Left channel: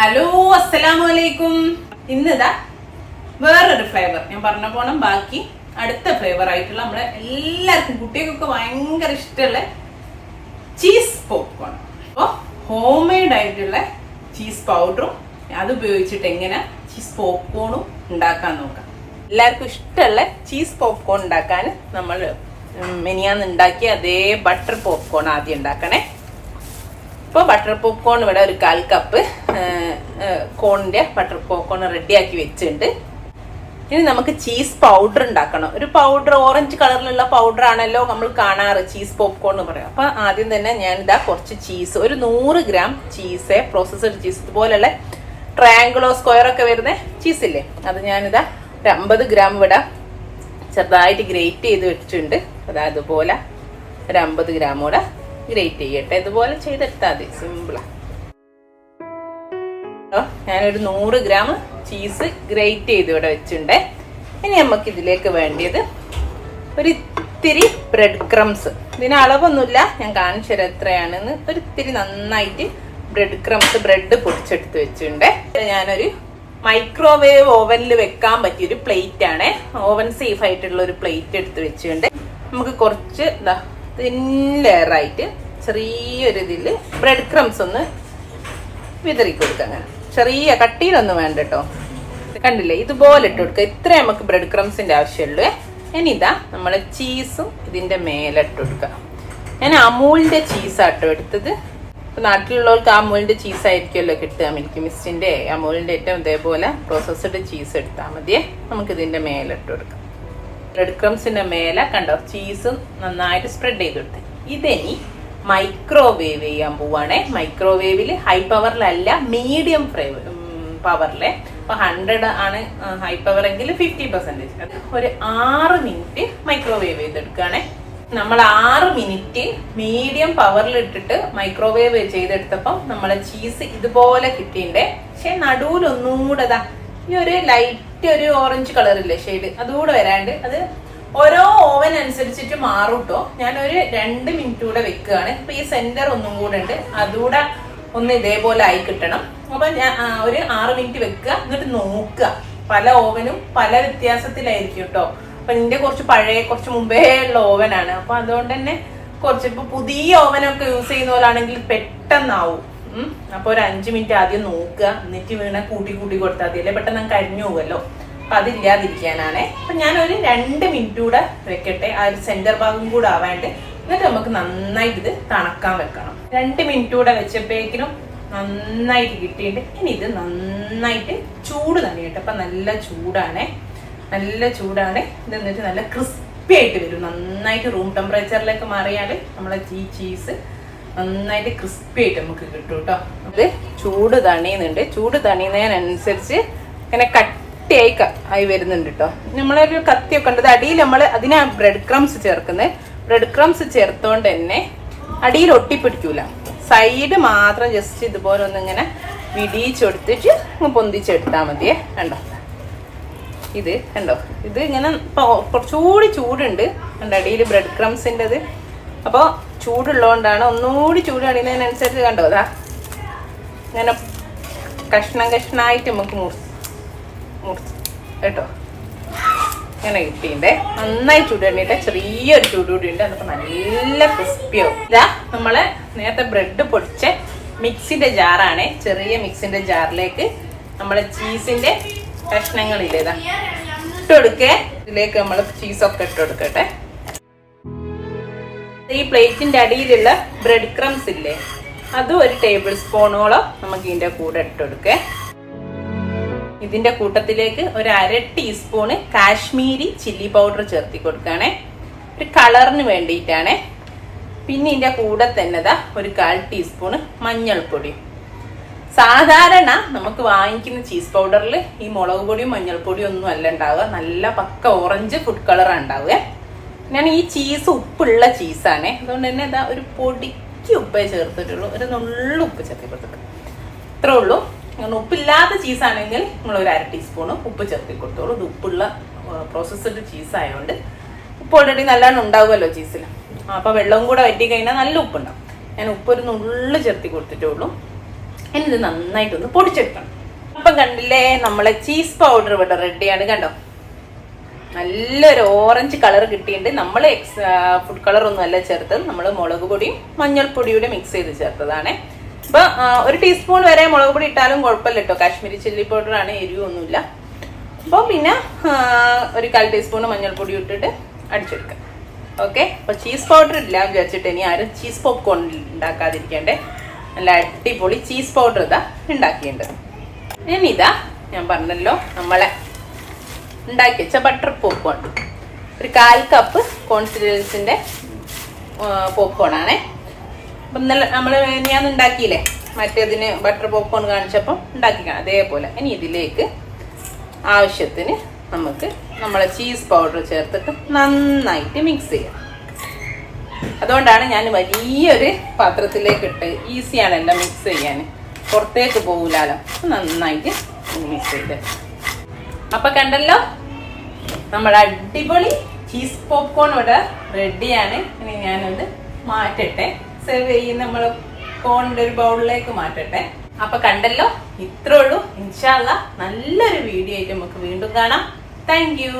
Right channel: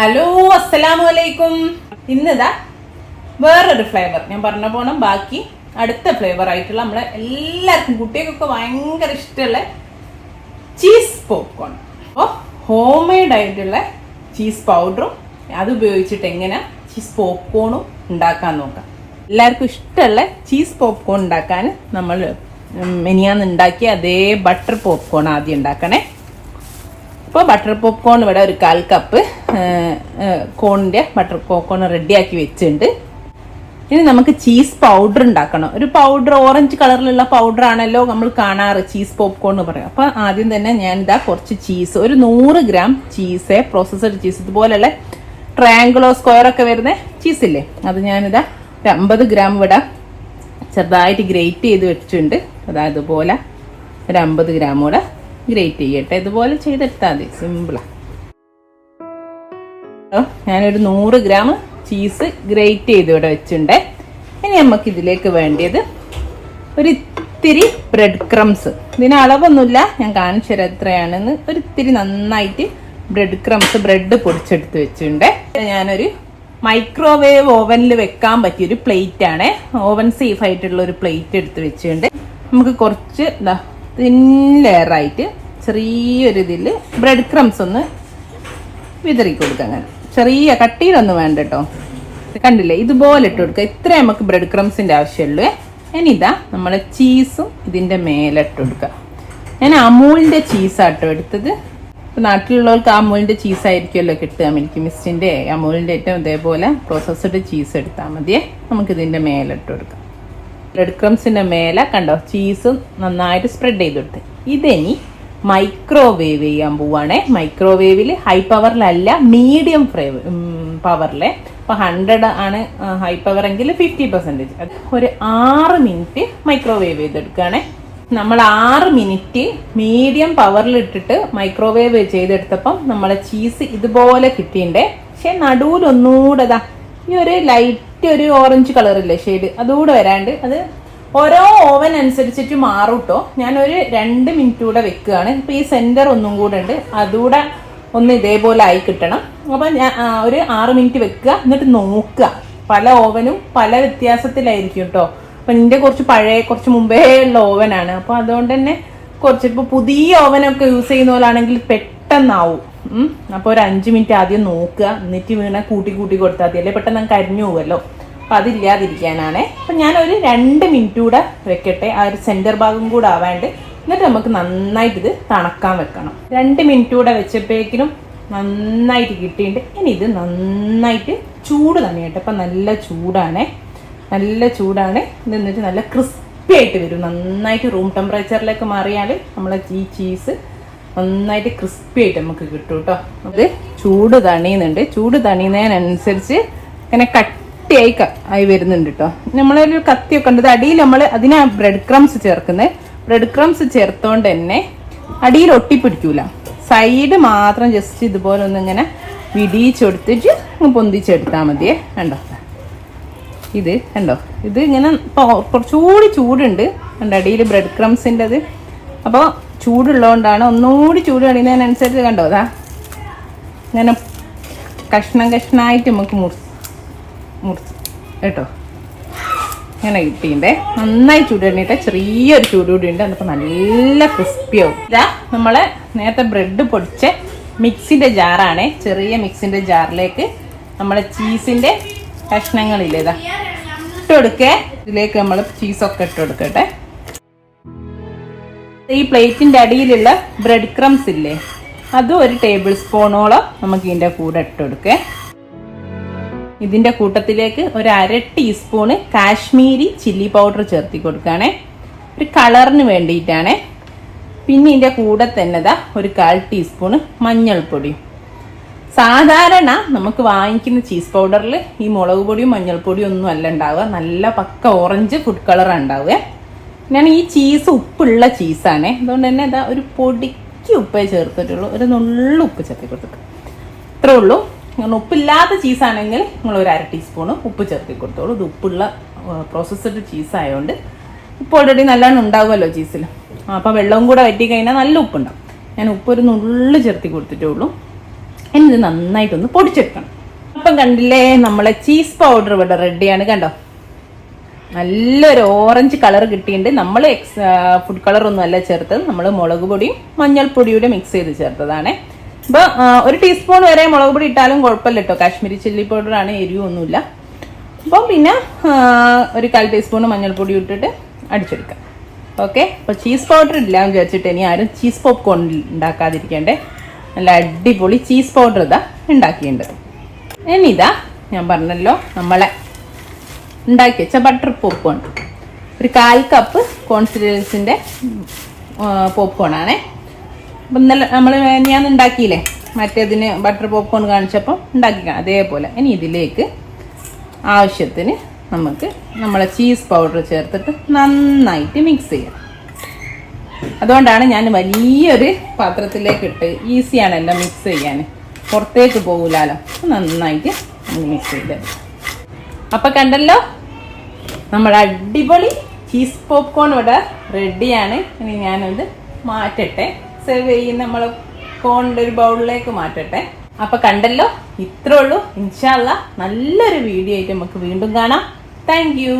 Hello, അസ്സലാമലൈക്കും. ഇന്നിതാ വേറൊരു ഫ്ലേവർ ഞാൻ പറഞ്ഞ പോണ ബാക്കി അടുത്ത ഫ്ലേവർ ആയിട്ടുള്ള നമ്മളെ എല്ലാവർക്കും കുട്ടികൾക്കൊക്കെ ഭയങ്കര ഇഷ്ടമുള്ള ചീസ് പോപ്കോൺ. അപ്പോൾ ഹോം മെയ്ഡ് ആയിട്ടുള്ള ചീസ് പൗഡറും അത് ഉപയോഗിച്ചിട്ട് എങ്ങനെ ചീസ് പോപ്കോണും ഉണ്ടാക്കാൻ നോക്കാം. എല്ലാവർക്കും ഇഷ്ടമുള്ള ചീസ് പോപ്കോൺ ഉണ്ടാക്കാൻ നമ്മൾ മിനിയാന്ന് ഉണ്ടാക്കിയ അതേ ബട്ടർ പോപ്കോൺ ആദ്യം ഉണ്ടാക്കണേ. ഇപ്പോൾ ബട്ടർ പോപ്കോൺ ഇവിടെ ഒരു 1/4 കപ്പ് കോണിൻ്റെ ബട്ടർ പോപ്കോൺ റെഡിയാക്കി വെച്ചിട്ടുണ്ട്. ഇനി നമുക്ക് ചീസ് പൗഡർ ഉണ്ടാക്കണം. ഒരു പൗഡർ ഓറഞ്ച് കളറിലുള്ള പൗഡർ ആണല്ലോ നമ്മൾ കാണാറ് ചീസ് പോപ്കോൺ എന്ന് പറയും. അപ്പോൾ ആദ്യം തന്നെ ഞാനിതാ കുറച്ച് ചീസ്, ഒരു 100 ഗ്രാം ചീസ്, പ്രോസസ്ഡ് ചീസ്, ഇതുപോലെയുള്ള ട്രയാങ്കിളോ സ്ക്വയർ ഒക്കെ വരുന്ന ചീസില്ലേ, അത് ഞാനിതാ ഒരു 50 ഗ്രാം ഇവിടെ ചെറുതായിട്ട് ഗ്രേറ്റ് ചെയ്ത് വെച്ചിട്ടുണ്ട്. അതായത് ഇതുപോലെ ഒരു 50 ഗ്രാം കൂടെ ഗ്രേറ്റ് ചെയ്യട്ടെ. ഇതുപോലെ ചെയ്തെടുത്താൽ മതി, സിമ്പിളാണ്. ഞാനൊരു 100 ഗ്രാം ചീസ് ഗ്രേറ്റ് ചെയ്ത് ഇവിടെ വെച്ചിട്ടുണ്ട്. ഇനി നമുക്ക് ഇതിലേക്ക് വേണ്ടിയത് ഒരു ഇത്തിരി ബ്രെഡ് ക്രംസ്. ഇതിന് അളവൊന്നുമില്ല, ഞാൻ കാണിച്ചു തരാം എത്രയാണെന്ന്. ഒരു ഇത്തിരി നന്നായിട്ട് ബ്രെഡ് ക്രംസ്, ബ്രെഡ് പൊടിച്ചെടുത്ത് വെച്ചിട്ടുണ്ട്. ഞാനൊരു മൈക്രോവേവ് ഓവനിൽ വെക്കാൻ പറ്റിയൊരു പ്ലേറ്റ് ആണ്, ഓവൻ സേഫ് ആയിട്ടുള്ള ഒരു പ്ലേറ്റ് എടുത്ത് വെച്ചിട്ടുണ്ട്. നമുക്ക് കുറച്ച് തിൻ ലെയറായിട്ട് ചെറിയൊരു ഇതിൽ ബ്രെഡ് ക്രംസ് ഒന്ന് വിതറി കൊടുക്കുക. അങ്ങനെ ചെറിയ കട്ടിയിലൊന്നും വേണ്ട കേട്ടോ. കണ്ടില്ലേ, ഇതുപോലെ ഇട്ട് കൊടുക്കുക. ഇത്ര നമുക്ക് ബ്രെഡ് ക്രംസിന്റെ ആവശ്യമുള്ളൂ. ഇനി ഇതാ നമ്മളെ ചീസും ഇതിന്റെ മേലെ ഇട്ട് കൊടുക്കുക. ഞാൻ അമൂലിന്റെ ചീസാട്ടോ എടുത്തത്. ഇപ്പൊ നാട്ടിലുള്ളവർക്ക് അമൂലിന്റെ ചീസ് ആയിരിക്കുമല്ലോ കിട്ടുക, മിൽക്കി മിസ്റ്റിന്റെ അമൂലിന്റെ ഏറ്റവും അതേപോലെ പ്രോസസ്ഡ് ചീസ് എടുത്താൽ മതിയേ. നമുക്ക് ഇതിന്റെ മേലെ ഇട്ട് കൊടുക്കാം. ബ്രെഡ് ക്രംസിന്റെ മേലെ കണ്ടോ ചീസ് നന്നായിട്ട് സ്പ്രെഡ് ചെയ്ത് കൊടുത്ത്. ഇതിനി മൈക്രോവേവ് ചെയ്യാൻ പോവാണേ. മൈക്രോവേവിൽ ഹൈ പവറിലല്ല, മീഡിയം പവറിലെ. അപ്പൊ 100 ആണ് ഹൈ പവർ എങ്കിൽ 50%. ഒരു 6 മിനിറ്റ് മൈക്രോവേവ് ചെയ്തെടുക്കുകയാണെ. നമ്മൾ 6 മിനിറ്റ് മീഡിയം പവറിൽ ഇട്ടിട്ട് മൈക്രോവേവ് ചെയ്തെടുത്തപ്പം നമ്മളെ ചീസ് ഇതുപോലെ കിട്ടിയിട്ടുണ്ട്. പക്ഷെ നടുവിലൊന്നുകൂടെ ഈ ഒരു ലൈറ്റ് ഒരു ഓറഞ്ച് കളറില്ലേ ഷെയ്ഡ്, അതുകൂടെ വരാണ്ട്. അത് ഓരോ ഓവൻ അനുസരിച്ചിട്ട് മാറും കേട്ടോ. ഞാനൊരു 2 മിനിറ്റ് കൂടെ വെക്കുകയാണ്. ഇപ്പൊ ഈ സെന്റർ ഒന്നും കൂടെ ഉണ്ട്, അതുകൂടെ ഒന്ന് ഇതേപോലെ ആയി കിട്ടണം. അപ്പൊ ഞാൻ ഒരു 6 മിനിറ്റ് വെക്കുക, എന്നിട്ട് നോക്കുക. പല ഓവനും പല വ്യത്യാസത്തിലായിരിക്കും കേട്ടോ. അപ്പൊ നിന്റെ കുറച്ച് പഴയ, കുറച്ച് മുമ്പേ ഉള്ള ഓവനാണ്. അപ്പൊ അതുകൊണ്ട് തന്നെ കുറച്ച് ഇപ്പൊ പുതിയ ഓവനൊക്കെ യൂസ് ചെയ്യുന്ന പോലാണെങ്കിൽ പെട്ടെന്നാവും. അപ്പൊ ഒരു 5 മിനിറ്റ് ആദ്യം നോക്കുക, എന്നിട്ട് വീണ കൂട്ടി കൊടുത്താൽ മതി, അല്ലേ പെട്ടെന്ന് നമുക്ക് അരിഞ്ഞു പോകുമല്ലോ. അപ്പൊ അതില്ലാതിരിക്കാനാണ്. അപ്പൊ ഞാനൊരു 2 മിനിറ്റ് കൂടെ വെക്കട്ടെ, ആ ഒരു സെന്റർ ഭാഗം കൂടെ ആവാണ്ട്. എന്നിട്ട് നമുക്ക് നന്നായിട്ട് ഇത് തണുക്കാൻ വെക്കണം. 2 മിനിറ്റ് കൂടെ വെച്ചപ്പോഴേക്കിനും നന്നായിട്ട് കിട്ടിയിട്ട്. ഇനി ഇത് നന്നായിട്ട് ചൂട് തന്നെയായിട്ട്. അപ്പൊ നല്ല ചൂടാണ്. ഇത് എന്നിട്ട് നല്ല ക്രിസ്പി ആയിട്ട് വരും. നന്നായിട്ട് റൂം ടെമ്പറേച്ചറിലേക്ക് മാറിയാൽ നമ്മളെ ഈ ചീസ് നന്നായിട്ട് ക്രിസ്പി ആയിട്ട് നമുക്ക് കിട്ടും കേട്ടോ. അത് ചൂട് തണിയുന്നുണ്ട്. ചൂട് തണിയുന്നതിനനുസരിച്ച് ഇങ്ങനെ കട്ടിയായി വരുന്നുണ്ട് കേട്ടോ. നമ്മളൊരു കത്തിയൊക്കെ ഉണ്ട്. അടിയിൽ നമ്മൾ അതിനാ ബ്രെഡ് ക്രംസ് ചേർക്കുന്നത്. ബ്രെഡ് ക്രംസ് ചേർത്തോണ്ട് തന്നെ അടിയിൽ ഒട്ടിപ്പിടിക്കൂല. സൈഡ് മാത്രം ജസ്റ്റ് ഇതുപോലെ ഒന്നിങ്ങനെ വിടിയിച്ചെടുത്തിട്ട് പൊന്തിച്ചെടുത്താൽ മതിയേ. കണ്ടോ ഇത് കണ്ടോ, ഇത് ഇങ്ങനെ കുറച്ചുകൂടി ചൂടുണ്ട്. കണ്ടോ അടിയിൽ ബ്രെഡ് ക്രംസിൻ്റെത്. അപ്പോൾ ചൂടുള്ളതുകൊണ്ടാണ്. ഒന്നുകൂടി ചൂട് കഴിയുന്നതിനനുസരിച്ച് കണ്ടോ അതാ ഇങ്ങനെ കഷ്ണായിട്ട് നമുക്ക് മുറിച്ച് കേട്ടോ ഇങ്ങനെ കിട്ടിയിട്ടേ. നന്നായി ചൂട് കഴിഞ്ഞിട്ട് ചെറിയൊരു ചൂട് കൂടി ഉണ്ട്. അതിപ്പോൾ നല്ല ക്രിസ്പിയാവും. ഇതാ നമ്മളെ നേരത്തെ ബ്രെഡ് പൊടിച്ച മിക്സിന്റെ ജാറാണ്. ചെറിയ മിക്സിന്റെ ജാറിലേക്ക് നമ്മളെ ചീസിന്റെ കഷ്ണങ്ങളില്ലേ ഇതാ ഇട്ട് കൊടുക്കേ. ഇതിലേക്ക് നമ്മൾ ചീസൊക്കെ ഇട്ട് കൊടുക്കട്ടെ. ഈ പ്ലേറ്റിന്റെ അടിയിലുള്ള ബ്രെഡ് ക്രംസ് ഇല്ലേ, അത് ഒരു 1 ടേബിൾ സ്പൂണോളം നമുക്ക് ഇതിന്റെ കൂടെ ഇട്ട് കൊടുക്കേ. ഇതിന്റെ കൂട്ടത്തിലേക്ക് ഒരു 1/2 ടീസ്പൂണ് കാശ്മീരി ചില്ലി പൗഡർ ചേർത്തി കൊടുക്കുകയാണേ, ഒരു കളറിന് വേണ്ടിയിട്ടാണ്. പിന്നെ ഇതിന്റെ കൂടെ തന്നെ ഒരു 1/4 ടീസ്പൂണ് മഞ്ഞൾപ്പൊടി. സാധാരണ നമുക്ക് വാങ്ങിക്കുന്ന ചീസ് പൗഡറിൽ ഈ മുളക് പൊടിയും മഞ്ഞൾപ്പൊടിയും ഒന്നും അല്ല ഉണ്ടാവുക, നല്ല പക്ക ഓറഞ്ച് ഫുഡ് കളറാണ് ഉണ്ടാവുക. ഞാൻ ഈ ചീസ് ഉപ്പുള്ള ചീസാണ്, അതുകൊണ്ട് തന്നെ ഇതാ ഒരു പൊടിക്ക് ഉപ്പേ ചേർത്തിട്ടുള്ളൂ. ഒരു നുള്ളു ഉപ്പ് ചേർത്തി കൊടുത്തു, ഇത്രേ ഉള്ളൂ. ഉപ്പില്ലാത്ത ചീസാണെങ്കിൽ നിങ്ങൾ ഒരു 1/2 ടീസ്പൂണ് ഉപ്പ് ചേർത്തി കൊടുത്തോളൂ. ഇത് ഉപ്പുള്ള പ്രോസസ്ഡ് ചീസായതുകൊണ്ട് ഉപ്പ് ഓൾറെഡി നല്ലോണം ഉണ്ടാവുമല്ലോ ചീസിൽ. അപ്പോൾ വെള്ളവും കൂടെ വറ്റി കഴിഞ്ഞാൽ നല്ല ഉപ്പുണ്ടാവും. ഞാൻ ഉപ്പ് ഒരു നുള്ളു ചേർത്തി കൊടുത്തിട്ടേ ഉള്ളൂ. ഇനി ഇത് നന്നായിട്ടൊന്ന് പൊടിച്ചെടുക്കണം. അപ്പം കണ്ടില്ലേ, നമ്മളെ ചീസ് പൗഡർ ഇവിടെ റെഡിയാണ്. കണ്ടോ, നല്ലൊരു ഓറഞ്ച് കളർ കിട്ടിയിട്ടുണ്ട്. നമ്മൾ ഫുഡ് കളർ ഒന്നും അല്ല ചേർത്തത്, നമ്മൾ മുളക് പൊടിയും മഞ്ഞൾപ്പൊടിയും മിക്സ് ചെയ്ത് ചേർത്തതാണ്. അപ്പൊ 1 ടീസ്പൂൺ വരെ മുളക് പൊടി ഇട്ടാലും കുഴപ്പമില്ല കേട്ടോ, കാശ്മീരി ചില്ലി പൗഡർ ആണ്, എരിവൊന്നുമില്ല. അപ്പോൾ പിന്നെ 1/4 ടീസ്പൂൺ മഞ്ഞൾപ്പൊടി ഇട്ടിട്ട് അടിച്ചെടുക്കാം. ഓക്കെ, അപ്പൊ ചീസ് പൗഡർ ഇല്ലാന്ന് വിചാരിച്ചിട്ട് ഇനി ആരും ചീസ് പോപ്കോൺ ഉണ്ടാക്കാതിരിക്കണ്ടേ. നല്ല അടിപൊളി ചീസ് പൗഡർ ഇതാ ഉണ്ടാക്കിയിട്ടുണ്ട്. ഇനി ഇതാ ഞാൻ പറഞ്ഞല്ലോ, നമ്മളെ ഉണ്ടാക്കി വെച്ച ബട്ടർ പോപ്കോൺ, ഒരു 1/4 കപ്പ് കോൺസിസ്റ്റൻസിന്റെ പോപ്കോൺ ആണേ. അപ്പം ഇന്നലെ ഞാൻ ഉണ്ടാക്കിയില്ലേ, മറ്റേതിന് ബട്ടർ പോപ്കോൺ കാണിച്ചപ്പോൾ ഉണ്ടാക്കിക്കണം അതേപോലെ. ഇനി ഇതിലേക്ക് ആവശ്യത്തിന് നമുക്ക് നമ്മളെ ചീസ് പൗഡർ ചേർത്തിട്ട് നന്നായിട്ട് മിക്സ് ചെയ്യാം. അതുകൊണ്ടാണ് ഞാൻ വലിയൊരു പാത്രത്തിലേക്ക് ഇട്ട്, ഈസിയാണ് എല്ലാം മിക്സ് ചെയ്യാൻ, പുറത്തേക്ക് പോകില്ലല്ലോ. നന്നായിട്ട് മിക്സ് ചെയ്യാം. അപ്പൊ കണ്ടല്ലോ, നമ്മുടെ അടിപൊളി ചീസ് പോപ്കോൺ ഇവിടെ റെഡിയാണ്. ഇനി ഞാനത് മാറ്റട്ടെ, സെർവ് ചെയ്യുന്ന നമ്മൾ കോണിന്റെ ഒരു ബൗളിലേക്ക് മാറ്റട്ടെ. അപ്പൊ കണ്ടല്ലോ, ഇത്രേ ഉള്ളൂ. ഇൻഷാ അല്ലാഹ് നല്ലൊരു വീഡിയോ ആയിട്ട് നമുക്ക് വീണ്ടും കാണാം. Thank you.